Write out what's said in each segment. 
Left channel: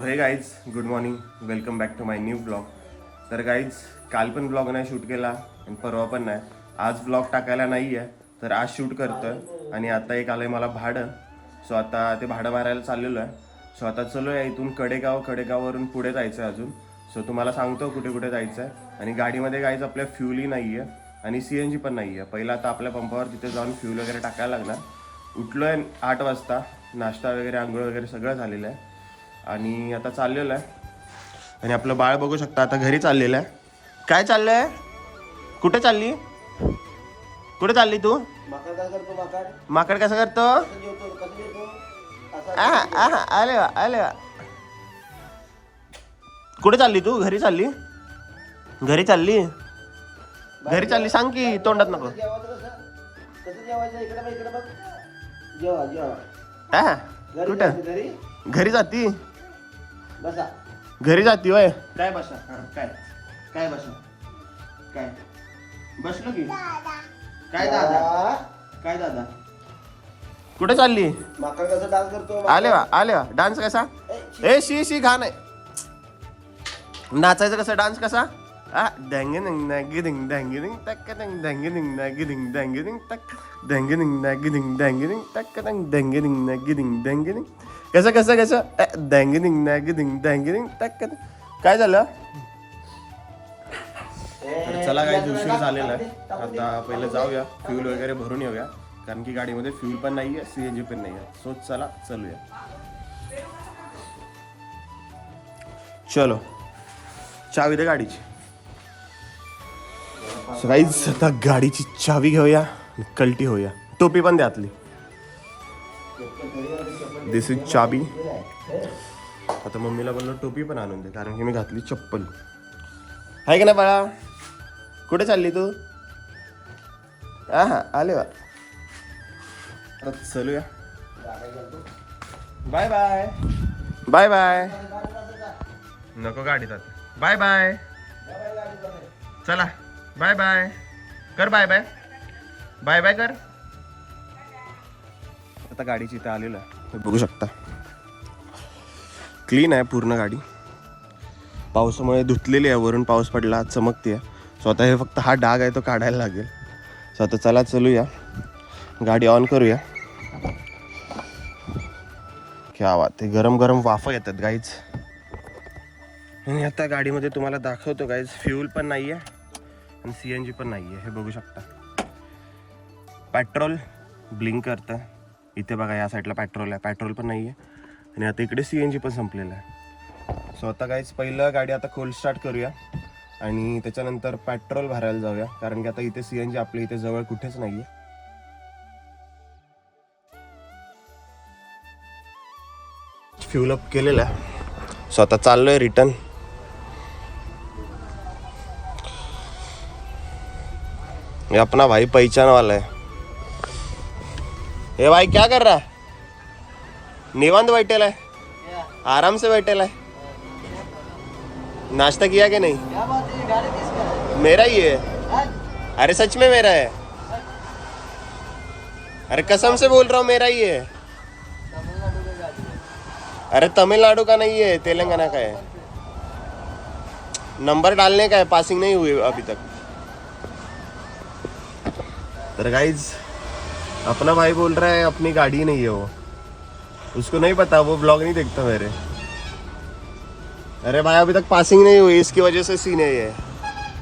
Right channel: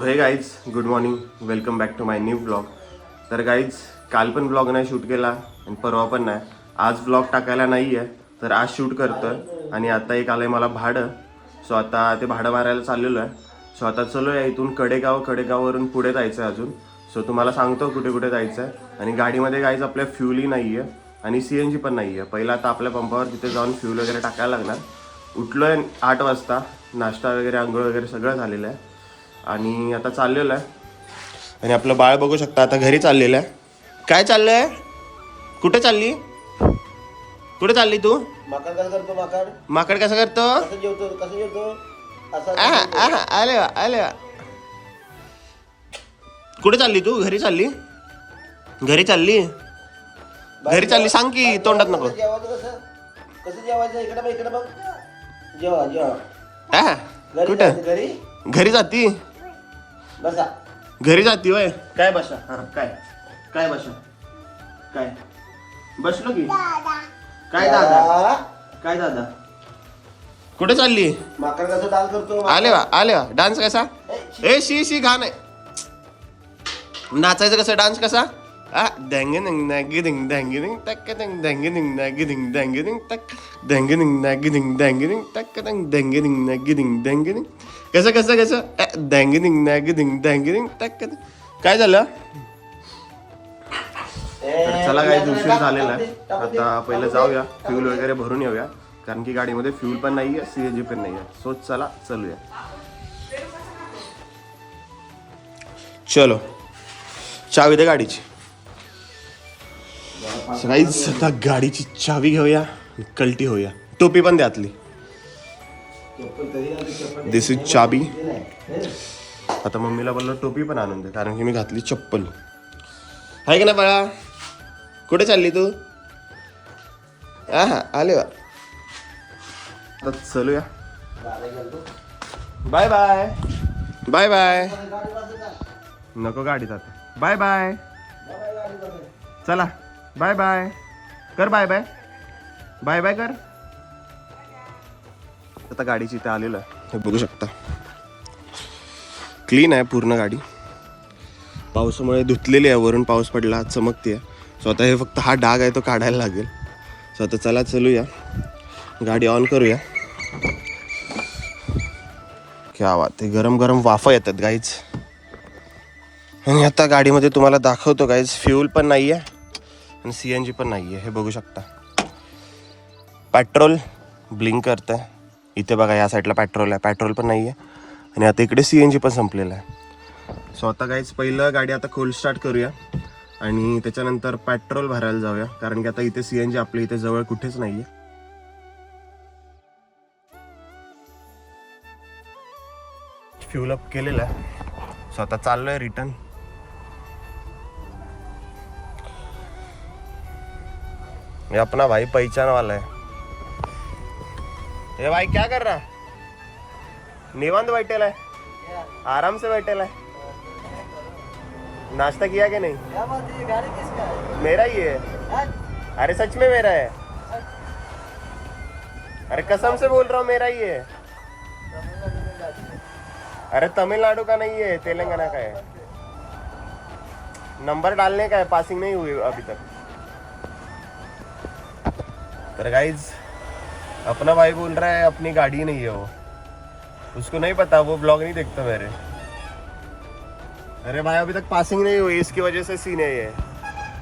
हे guys good morning, welcome back to my new blog. तर guys काल पण ब्लॉग नाही शूट केला आणि परवा पण नाही. आज ब्लॉग टाकायला नाही आहे तर आज शूट करतोय. आणि आता एक आलं आहे मला भाडं. सो आता ते भाडं मारायला चाललेलो आहे. सो आता चलो या इथून कडेगाववरून पुढे जायचं आहे अजून. सो तुम्हाला सांगतो कुठे कुठे जायचं आहे. आणि गाडीमध्ये गाईज आपल्या फ्युलही नाही आहे आणि CNG पण नाही आहे. पहिला आता आपल्या पंपावर तिथे जाऊन फ्यूल वगैरे टाकायला लागणार. उठलो आहे 8 वाजता, नाश्ता वगैरे आंघोळ वगैरे सगळं झालेलं आहे आणि आता चाललेलं आहे. आणि आपलं बाळ बघू शकता आता घरी चाललेलं आहे. काय चाललंय? कुठे चालली? कुठे चालली तू? माकड कसं करतो? माकड कसं करतो? कसं जेवतो आले वा आले वा. कुठे चालली तू? घरी चालली? घरी चालली? घरी चालली सांग की, तोंडात नको. कसं जेवायचं? इकडे बघ. जेवा कुठं? घरी घरी जाती? बसा. घरी जाती वय? काय बसा? काय बसा? काय बसलो की? काय दादा? कुठे चालली? माकड कसं डान्स करतो? आले वा. डान्स कसा? शी घाण आहे. नाचायचं कसं? डान्स कसा? डँगिंग डँगिंग डँगिंग टक डँगिंग डँगिंग डँगिंग टक डँगिंग डँगिंग डँगिंग टक डँगिंग डँगिंग डँगिंग. कसं डँगिंग डँगिंग डँगिंग टक. काय झालं? तर चला काही उशीर झालेला आहे. आता पहिलं जाऊया, फ्यूल वगैरे भरून येऊया, कारण की गाडीमध्ये फ्यूल पण नाही आहे, CNG पण नाही आहे. सो चला चलूया. चलो, चावी दे गाडीची. गाईज आता गाडीची चावी घेऊया, कल्टी होऊया. टोपी पण द्यातली. दिस इज चाबी. आता मम्मीला बोललो टोपी पण आणून दे, कारण की मी घातली चप्पल. आहे का ना बाळा? कुठे चालली तू? आले वा. आता चलूया. Bye bye. Bye bye. नको गाडीत आता. Bye bye. चला बाय बाय कर. Bye bye. बाय बाय कर. आता गाडीची इथे आलेलं आहे, हे बघू शकता. क्लीन आहे पूर्ण गाडी. पावसामुळे धुतलेली आहे, वरून पाऊस पडला, चमकते. सो आता हे फक्त हा डाग आहे तो काढायला लागेल. सो आता चला चलूया, गाडी ऑन करूया. क्या बात आहे, गरम गरम वाफा येतात गाईज. आणि आता गाडीमध्ये तुम्हाला दाखवतो गाईज, फ्यूल पण नाही आहे आणि CNG पण नाही आहे. हे बघू शकता. पेट्रोल ब्लिंक करतं आहे इथे बघा, या साईडला पेट्रोल आहे, पेट्रोल पण नाही आहे. आणि आता इकडे CNG पण संपलेलं आहे. सो आता गाईज पहिलं गाडी आता कोल्ड स्टार्ट करूया आणि त्याच्यानंतर पेट्रोल भरायला जाऊया, कारण की आता इथे CNG आपल्या इथे जवळ कुठेच नाही आहे. फ्यूल अप केलेलं आहे. सो आता चाललोय रिटर्न. ये अपना भाई पहचान वाला है. ये भाई क्या कर रहा है? निवांत बैठेला है, आराम से बैठेला है. नाश्ता किया कि नहीं? मेरा ही है. अरे सच में मेरा है. अरे कसम से बोल रहा हूँ, मेरा ही है. अरे तमिलनाडु का नहीं है, तेलंगाना का है. नंबर डालने का है, पासिंग नहीं हुई अभी तक. तर गाइज अपना भाई बोल रहा है अपनी गाड़ी नहीं है वो. उसको नहीं पता, वो ब्लॉग नहीं देखता मेरे. अरे भाई अभी तक पासिंग नहीं हुई, इसकी वजह से सीन है ये.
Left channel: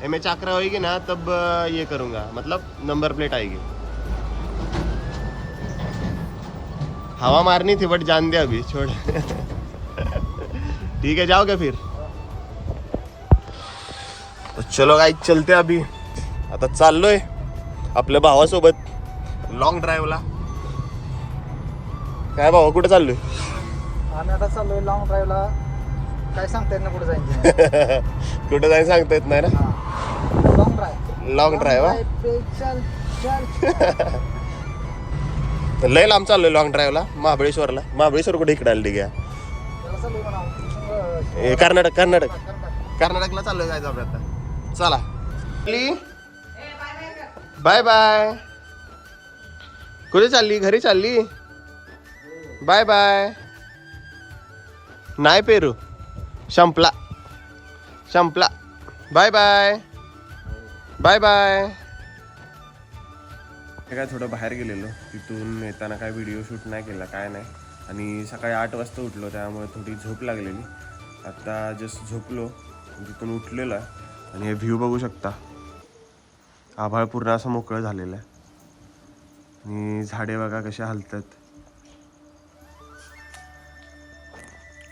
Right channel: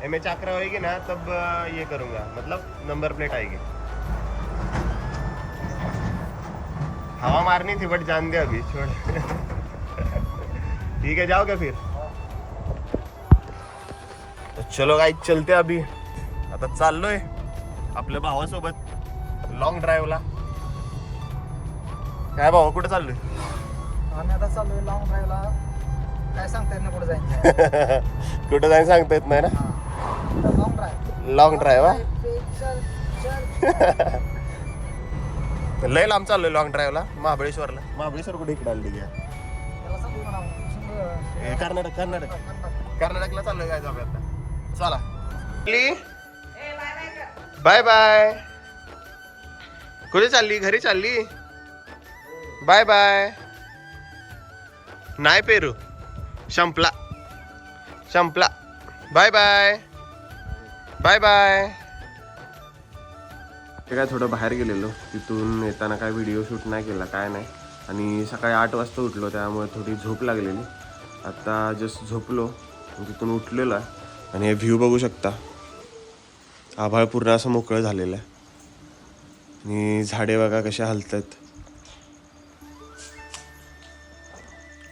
MH आकरा होगी ना तब ये करूँगा, मतलब नंबर प्लेट आएगी. हवा मारनी थी बट जान दे अभी, छोड़. ठीक है, जाओगे फिर? तो चलो गाइस चलते अभी. आता चाललोय आपल्या भावासोबत लॉंग ड्राईव्हला. काय भावा, कुठे चाललोय? आम्ही आता चाललोय लॉंग ड्राईव्हला. काय सांगता येत नाही कुठे जायचं. कुठे जायचं सांगता येत नाही ना. Long drive. Long drive. लय लांब चाललोय लॉंग ड्राईव्हला, महाबळेश्वरला. महाबळेश्वर कुठे इकडे आली? ठीक आहे, कर्नाटकला चाललोय जायचं आपल्या आता. चला बाय बाय. कुठे चालली? घरी चालली? Bye bye. नाही पेरू. संपला संपला. Bye bye bye bye. ते काय थोडं बाहेर गेलेलो, तिथून येताना काय व्हिडिओ शूट नाही केला काय नाही. आणि सकाळी 8 वाजता उठलो, त्यामुळे थोडी झोप लागलेली. आता जस्ट झोपलो, तिथून उठलेलो आहे. आणि हे व्ह्यू बघू शकता, आभाळ पूर्ण असं मोकळं झालेलं आहे. आणि झाडे बघा कशा हलतात.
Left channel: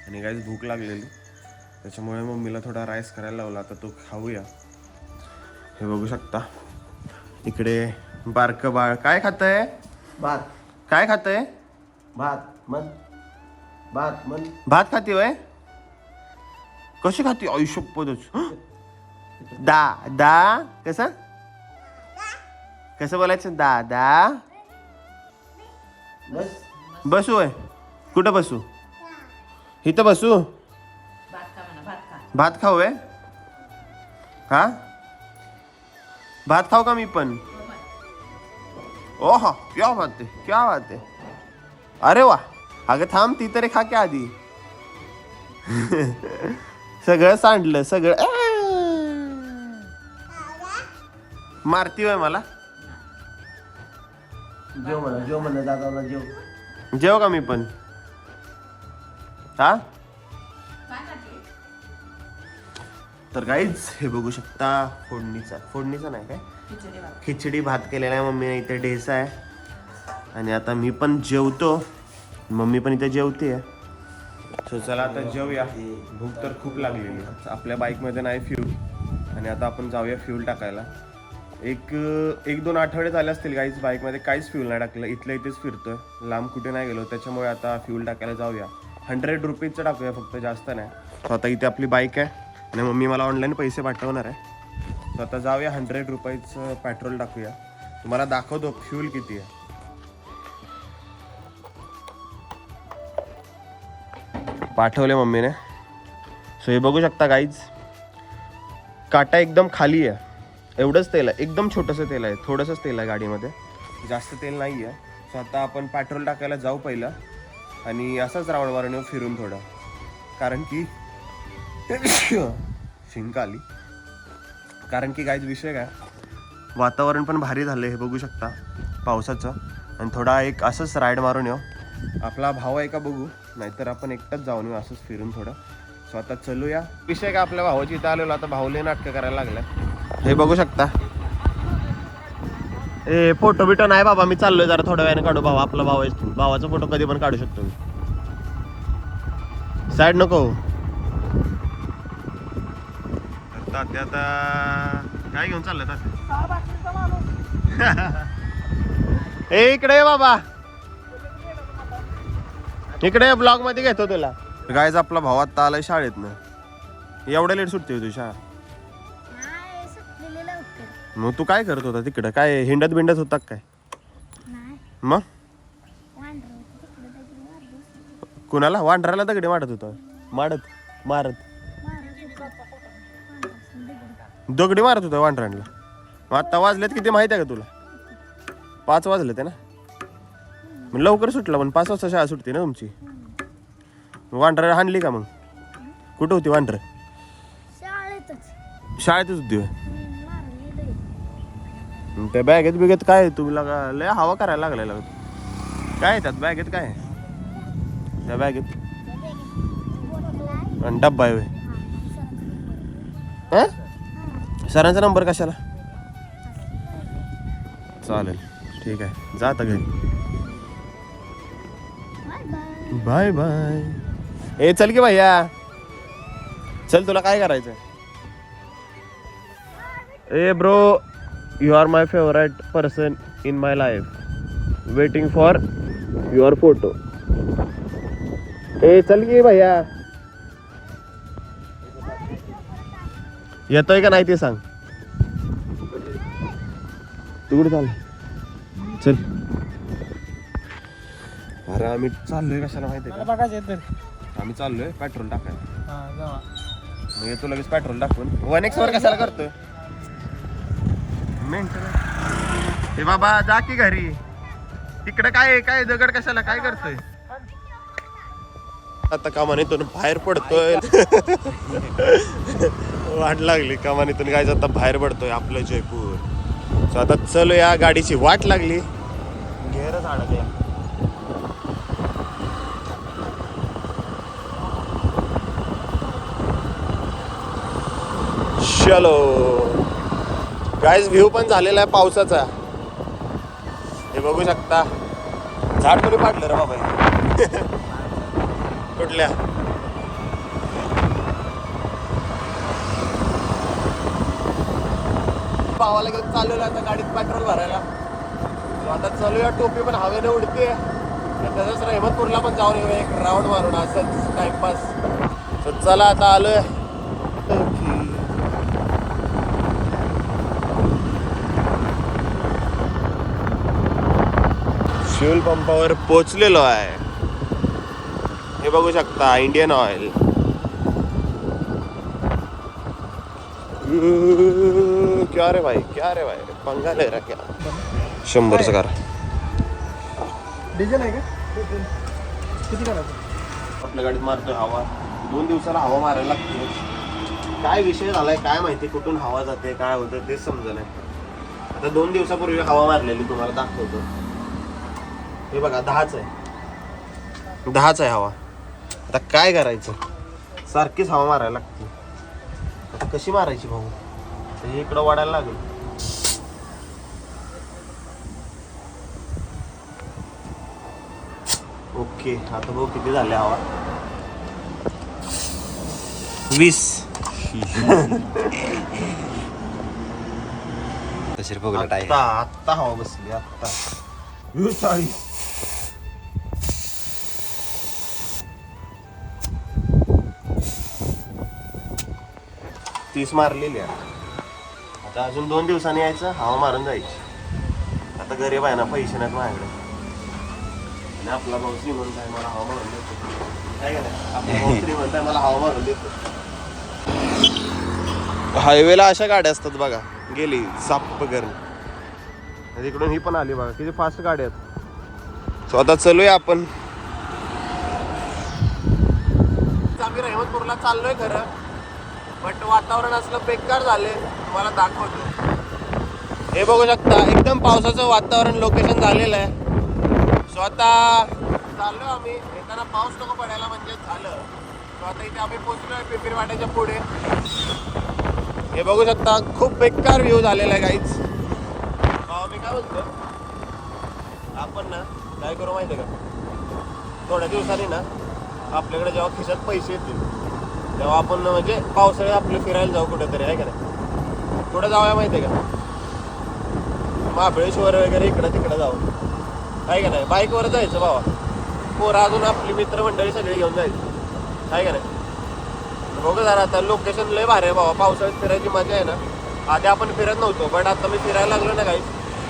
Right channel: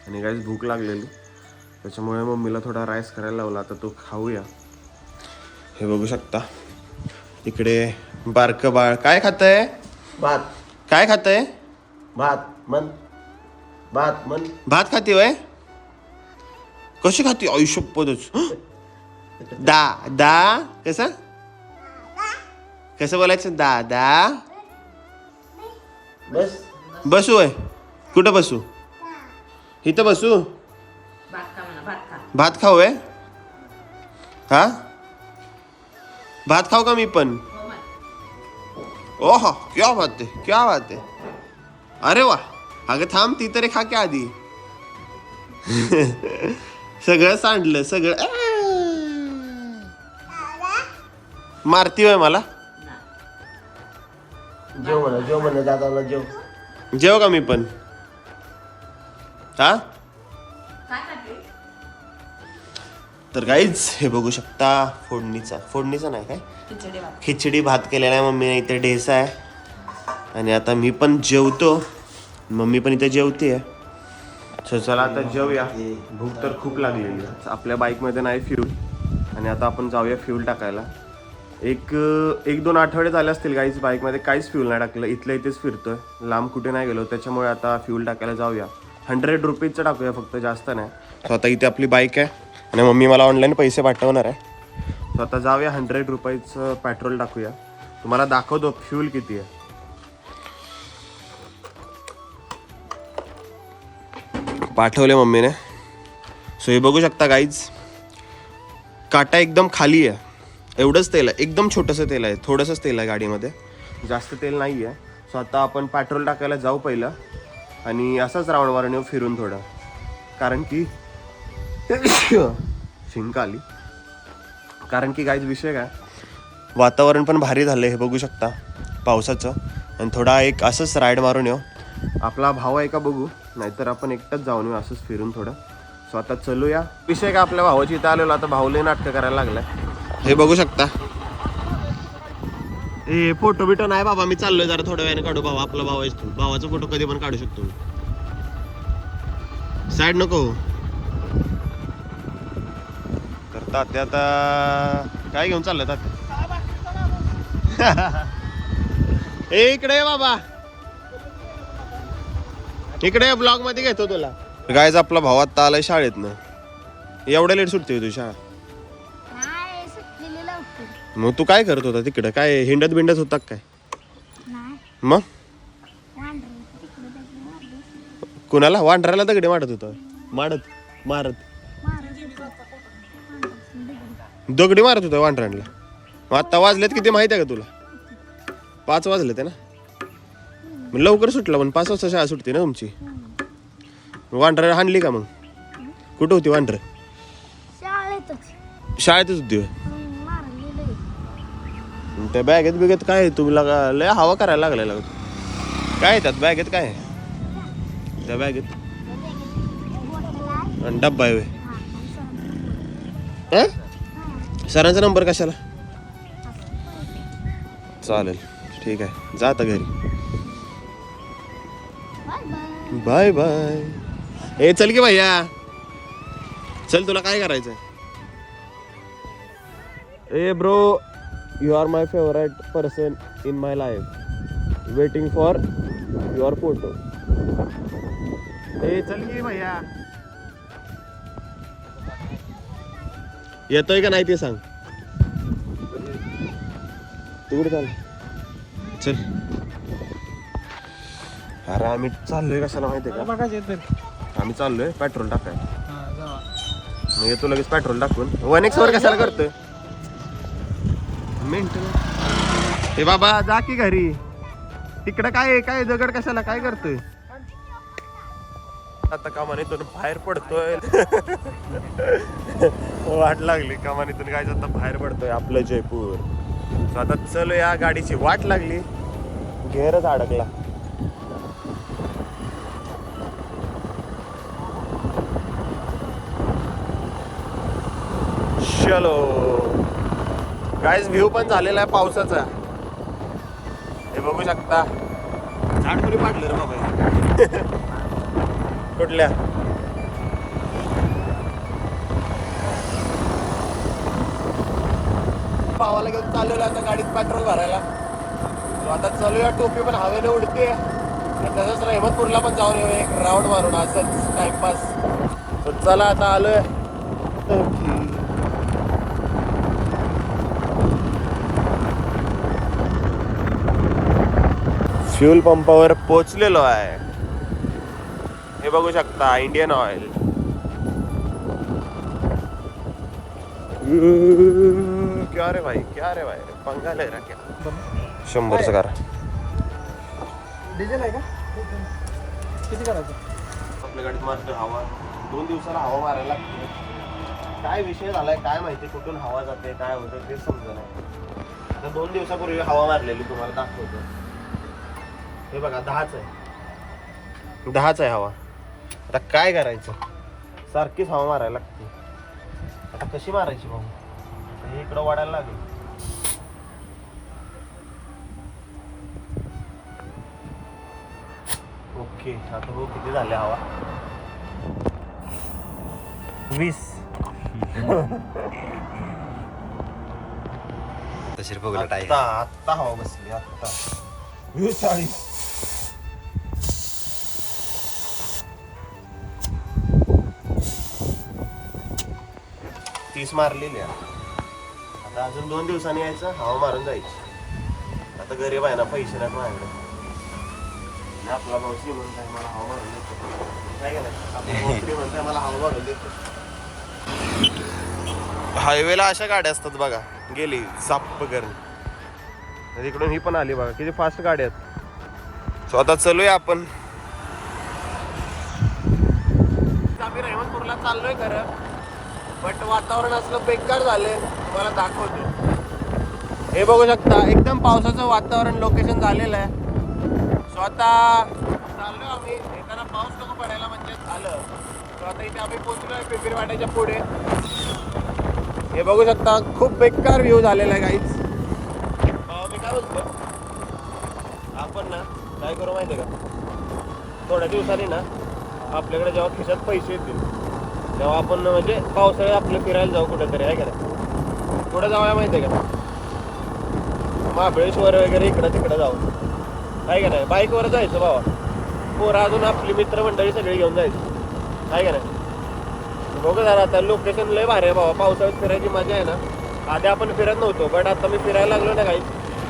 आणि काहीच भूक लागलेली, त्याच्यामुळे मम्मीला थोडा राईस करायला लावला. आता तो खाऊया. हे बघू शकता, इकडे बारकं बाळ काय खातंय? भात काय खातंय? भात मन भात मन. भात खाते वय? कशी खाते? आयुष्यपदच दा दा. कसं कसं बोलायचं? दादा. बस बसू आहे? कुठं बसू? इथं बसू? भात खाऊ आहे? हा, भात खाऊ का मी पण? ओह क्या बात आहे, क्या बात आहे. अरे वा. अगं थांब, ती तरी खा की आधी. सगळं सांडलं सगळं. मारती वय मला? जेव म्हणा दादाला जेव. जेव का मी पण? हा. तर गाईज हे बघू शकता, फोडणीचा नाही काय, खिचडी भात केलेला आहे मम्मीने. इथे ढेसा आहे. आणि आता मी पण जेवतो, मम्मी पण इथे जेवते. चला आता जेवूया, भूक तर खूप लागलेली. आपल्या बाईकमध्ये नाही फ्यूल, आणि आता आपण जाऊया फ्यूल टाकायला. एक 2 आठवडे झाले असतील गाईज, बाईकमध्ये काहीच फ्यूल नाही टाकलं. इथल्या इथेच फिरतोय, लांब कुठे नाही गेलो. त्याच्यामुळे आता फ्यूल टाकायला जाऊया. 100 रुपीजचं टाकूया फक्त, जास्त नाही. सो आता इथे आपली बाईक आहे, आणि मम्मी मला ऑनलाईन पैसे पाठवणार आहे. सो आता जाऊया, 100 रुपयाचं पेट्रोल टाकूया. तुम्हाला दाखवतो फ्यूल किती आहे. पाठवले मम्मीने. सो हे बघू शकता गाईज, काटा एकदम खाली आहे. एवढंच तेल आहे, एकदम छोटंसं तेल आहे, थोडंसंच तेल आहे गाडीमध्ये, जास्त तेल नाही आहे. सो आता आपण पेट्रोल टाकायला जाऊ पहिलं, आणि असंच राऊंड मारून येऊ फिरून थोडं, कारण की शिंक आली. कारण की गाईज विषय काय, वातावरण पण भारी झालं हे बघू शकता पावसाचं. आणि थोडा एक असंच राईड मारून येऊ. आपला भाव आहे का बघू, नाहीतर आपण एकटाच जाऊन येऊ असंच फिरून थोडं. सो आता चलूया. विषय काय, आपल्या भावाची इथं आलेलो, आता भाऊले नाटकं करायला लागलाय. हे बघू शकता. ए फोटो बिटो नाही बाबा, मी चाललोय जरा थोड्या वेळाने काढू. भाऊ आपला भाऊ आहेस तू, भावाचा फोटो कधी पण काढू शकतो मी. साईड नको. तर तात्या आता काय घेऊन चाललंय तात्या? ए इकडे ये बाबा, इकडे ब्लॉग मध्ये घेतो तुला. गायचा आपला भाव आता आलाय शाळेतनं. एवढ्या लेट सुटते तुझी शाळा? मग तू काय करत होता तिकडं? काय हिंडत बिंडत होता काय? मग कुणाला? वांढराला दगडे मारत होता? मारत दगडी मारत होता वांढरांना? मग आता वाजलेत किती माहिती आहे का तुला? 5 वाजलेत ना. मग लवकर सुटला, पण 5 वाजता शाळा सुटते ना तुमची. वांढरा हाणली का मग? कुठं होती वांढर? शाळेतच होती. त्या बॅगेत बिगेत काय आहे? तुम्ही लय हवा करायला लागलाय लागत. काय त्यात बॅगेत काय आहे? त्या बॅगेत डब्बा आहे. सरांचा नंबर कशाला? चालेल ठीक आहे, जा आता घरी. Bye bye. ए चल की भैया, चल तुला काय करायचंय? ए bro, you are my favorite person in my life, waiting for your photo. ए चल की भैया, येतोय का नाही ते सांग. तू कुठे चाल? चल. अरे आम्ही चाललोय कशाला माहितीये का? आम्ही चाललोय पेट्रोल टाकायला. मग येतो लगेच पेट्रोल टाकून. 1x वर कशाला करतोय? हे बाबा जा की घरी. तिकडे काय दगड कशाला? काय करतोय? आता कमानीतून बाहेर पडतोय. वाट लागली कमानीतून काय आता बाहेर पडतोय आपलं जयपूर. सो आता चलो, या गाडीची वाट लागली, घेरच अडकला. चलो गाइस, व्ह्यू पण झालेला आहे पावसाचा. हे बघू शकता. झाड तरी पाडलं रे बाबा. कुठल्या भावाला घेऊन चाललेलो आता गाडीत पेट्रोल भरायला. आता चालूया, टोपी पण हवेने उडते. तसंच रहमतपूरला पण जाऊन येऊ एक राऊंड मारून, असंच टाइमपास. तर चला आता आलोय. फ्यूल पंपावर पोचलेलो आहे. हे बघू शकता, इंडियन ऑइल. क्या रे भाई, क्या रे भाई, पंगा ले रहा क्या. 100 कार. डिझेल आहे का? किती करायचं? आपल्या गाडीत मारतोय हवा. 2 दिवसाला हवा मारायला लागते. काय विषय झालाय काय माहिती, कुठून हवा जाते काय होतं तेच समजा नाही. आता 2 दिवसापूर्वी हवा मारलेली तुम्हाला दाखवतो. हे बघा 10च आहे हवा. आता काय करायचं, सारखीच हवा मारायला लागते. आता कशी मारायची भाऊ, हे इकडं वाढायला लागेल. ओके, आता भाऊ किती झाले हवा? 20. आत्ता हवा बसली आत्ता. 40. तीस मारलेली आहे. आता अजून 2 दिवसांनी यायचं, हवा मारून जायची. आता गरीब आहे ना, पैसे नाहीत माझ्याकडे. आणि आपला भाऊ श्रीमंत आहे, मला हवा मारून देतो. काय करायचं, आपला भाऊ श्रीमंत आहे, मला हवा मारून देतो. हायवेला अशा गाड्या असतात बघा, गेली साप करून. तिकडून ही पण आली बघा, किती फास्ट गाड्या आहेत. सो आता चलूया आपण. आम्ही रहमतपूरला चाललोय खरं, बट वातावरण असलं बेकार झाले, तुम्हाला दाखवतो. हे बघू शकता, एकदम पावसाचं वातावरण लोकेशन झालेलं आहे. सो आता चाललोय आम्ही. येताना पाऊस नको पडायला म्हणजे झालं. सो आता इथे आम्ही पोहोचलोय पिंपरी वाट्याच्या पुढे. हे बघू शकता, खूप बेकार व्ह्यू झालेला आहे गाईच. मी काय बोलतो, आपण ना काय करू माहिती का, थोड्या दिवसांनी ना आपल्याकडे जेव्हा खिशात पैसे येतील तेव्हा आपण म्हणजे पावसाळ्यात आपलं फिरायला जाऊ कुठेतरी, आहे का. कुठं जाऊया माहिती आहे का, महाबळेश्वर वगैरे इकडं तिकडं जाऊ, आहे का नाही. बाईकवर जायचं बाबा, पोरं अजून आपली मित्रमंडळी सगळी घेऊन जायचं, आहे का नाही. बघा जरा आता लोकेशन लय भारी आहे बाबा. पावसाळ्यात फिरायची मजा आहे ना. आधी आपण फिरत नव्हतो, बट आता मी फिरायला लागलो ना काही,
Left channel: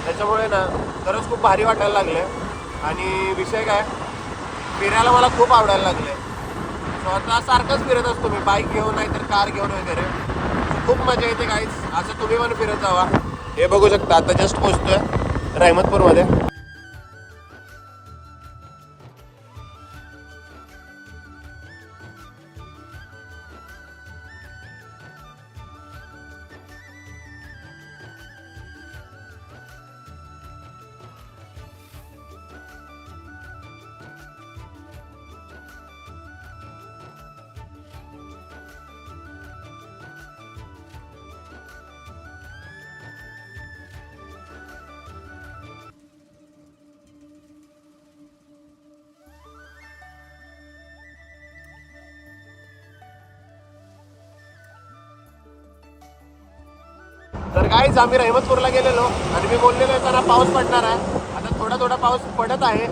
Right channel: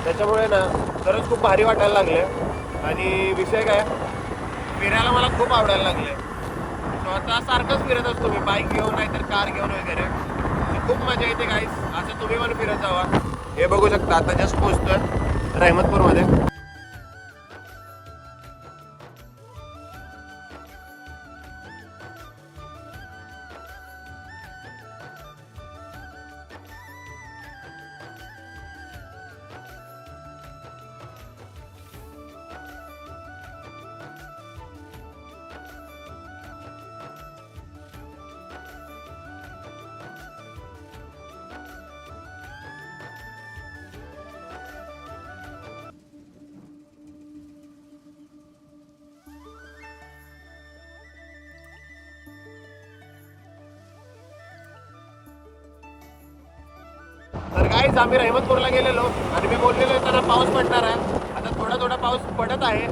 त्याच्यामुळे ना खरंच खूप भारी वाटायला लागले. आणि विषय काय, फिरायला मला खूप आवडायला लागले. सो आता सारखंच फिरत असतो मी, बाईक घेऊन नाही तर कार घेऊन वगैरे. खूप मजा येते गाईस, असं तुम्ही पण फिरत जावा. हे बघू शकता, आता जस्ट पोहोचतोय रहमतपूरमध्ये. तर गाईज आम्ही रहमतपूरला गेलेलो आणि मी बोललेलो येताना पाऊस पडणार आहे. आता थोडा थोडा पाऊस पडत आहे.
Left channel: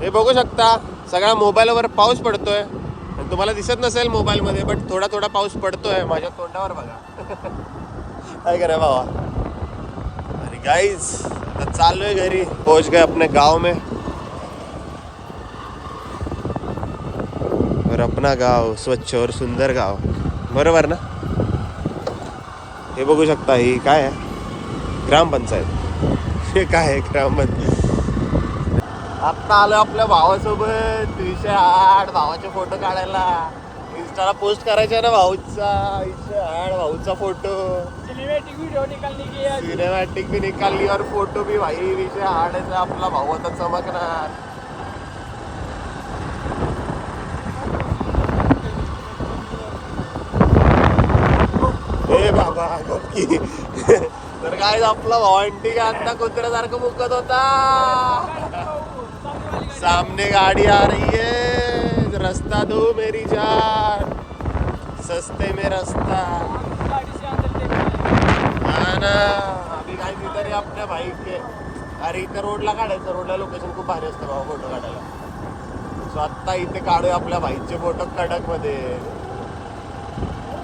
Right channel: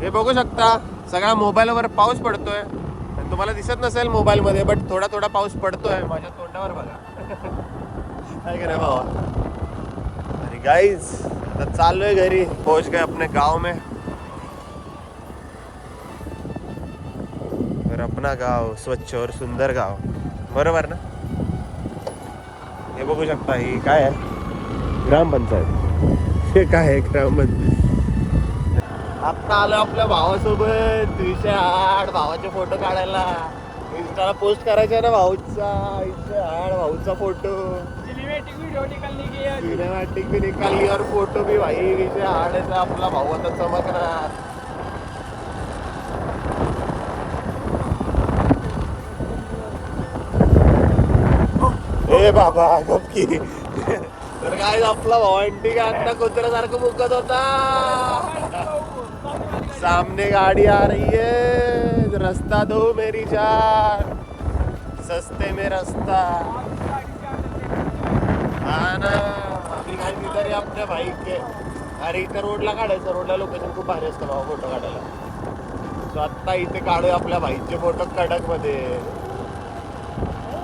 हे बघू शकता, सगळा मोबाईलवर पाऊस पडतोय. आणि तुम्हाला दिसत नसेल मोबाईलमध्ये, बट थोडा थोडा पाऊस पडतोय माझ्या तोंडावर बघा. काय करा बाबा. अरे गाईज आता चाललोय घरी. पहुंच गए अपने गाँव में. और अपना गाव स्वच्छ और सुंदर गाव, बरोबर ना. हे बघू शकता, ही काय आहे, ग्रामपंचायत. हे काय आहे, ग्रामपंचायत. आता आलं आपल्या भावासोबत. हाड भावाचे फोटो काढायला इंस्टाला पोस्ट करायचे ना भाऊचा हाड भाऊचा फोटो सिनेमॅटिक भी निकालली और फोटो भी भाई विषय हाड आहे आपला भाऊ आता चमकणार. ए बाबा गप्पी. तर काय आपला भावंटी आता कुत्र्यासारखं मुकत होता. सामने गाड़ी आ रही है, रास्ता दो मेरी जान, सस्ते में रास्ता. हा ना अभी काय तरी आपल्या बाईक के. अरे इथे रोडला काढायचं, रोडला लोकेशन खूप भारी असतं बाबा फोटो काढायला. सो आत्ता इथे काढूया आपल्या बाईकचे फोटो कडक मध्ये.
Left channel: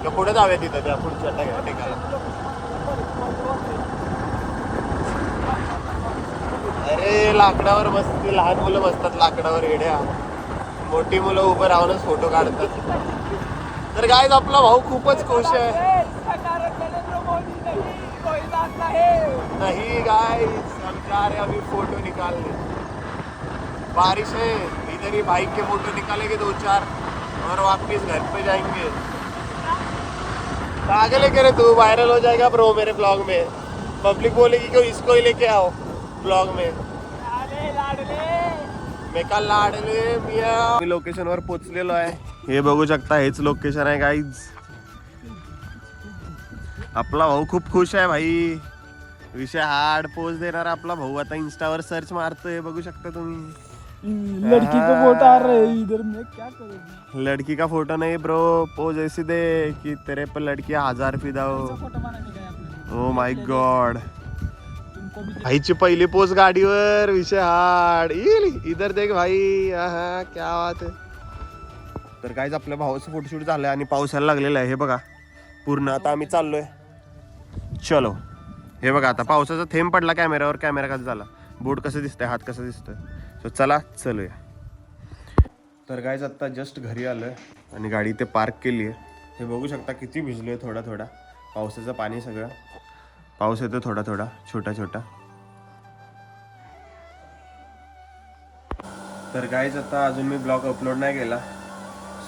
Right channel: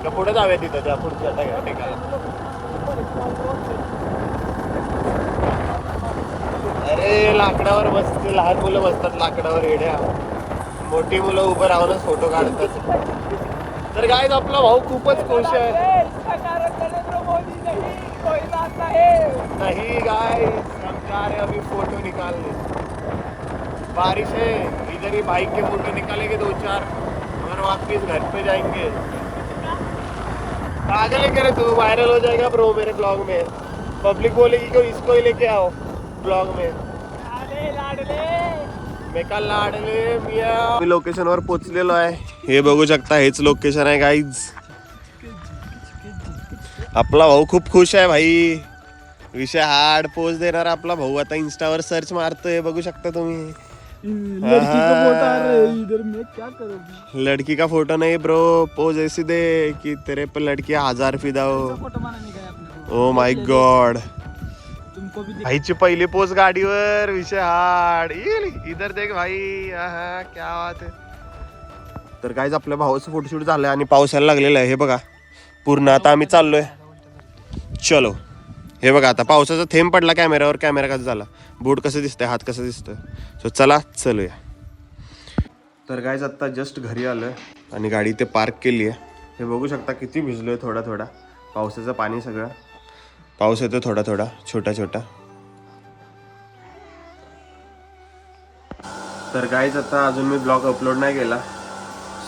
तर पुढे जाऊया तिथं त्या पुढच्या ठिकाणी. अरे लाकडावर बसती, लहान मुलं बसतात लाकडावर येड्या, मोठी मुलं उभं राहूनच फोटो काढतात. तर काय आपला भाऊ खूपच खुश आहे. नहीं गाइस सरकार है अभी फोटो निकालने. बारिश है इधर ही बाइक के फोटो निकालेंगे 2-4 और वापिस घर पे जाएंगे. पागल है क्या रे तू, वायरल हो जाएगा ब्रो मेरे ब्लॉग में. पब्लिक बोलेगी कि इसको ही लेके आओ ब्लॉग में. मी लोकेशन वर पोहोचलेलो आहे. हे बघू शकता हेच लोकेशन आहे गाईज. आपला भाऊ खूप खुश आहे भाई. विषय हार्ड पोज देणार आपला भाऊ आता इंस्टावर सर्च मारतोय, बघू शकता तुम्ही. लड़की का फोटो नहीं ब्रो, पोज ऐसी दे कि तेरे पे लड़की 1000 फिदा हो. Oh my God. भाईची पहिली पोच गाडीवर, विषय हार्ड. इधर देख भाई, क्या बात आहे. तर काहीच आपल्या भावाचं फोटोशूट झालंय आणि पावसाला लागलेला आहे. हे बघा पूर्ण. आता आम्ही चाललोय. चलो हे बघा आता पावसाचा थेंब पडला कॅमेऱ्यावर. कॅमेरा कसा झाला, बोट कसं दिसतंय, हात कसं दिसतंय. सो चला चलूया. तर काहीच आत्ता जस्ट घरी आलोय आणि गाडी इथे पार्क केली आहे. हे बघू शकता किती भिजलोय थोडा थोडा. पावसाचं पाणी सगळं, पाऊस येतो थोडा थोडा छोटा छोटा. तर गाईज आता अजून मी ब्लॉग अपलोड नाही केला.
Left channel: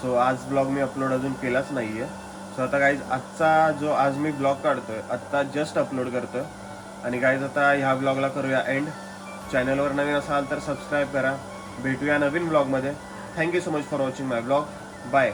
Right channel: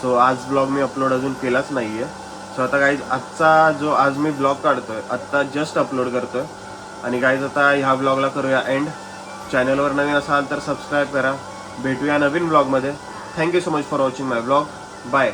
सो आज ब्लॉग मी अपलोड अजून केलाच नाही आहे. सो आता गाईज आजचा जो आज मी ब्लॉग काढतोय आत्ता जस्ट अपलोड करतोय. आणि गाईज आता ह्या ब्लॉगला करूया एंड. चॅनलवर नवीन असाल तर सबस्क्राईब करा. भेटूया नवीन ब्लॉगमध्ये. Thank you so much for watching my blog. Bye.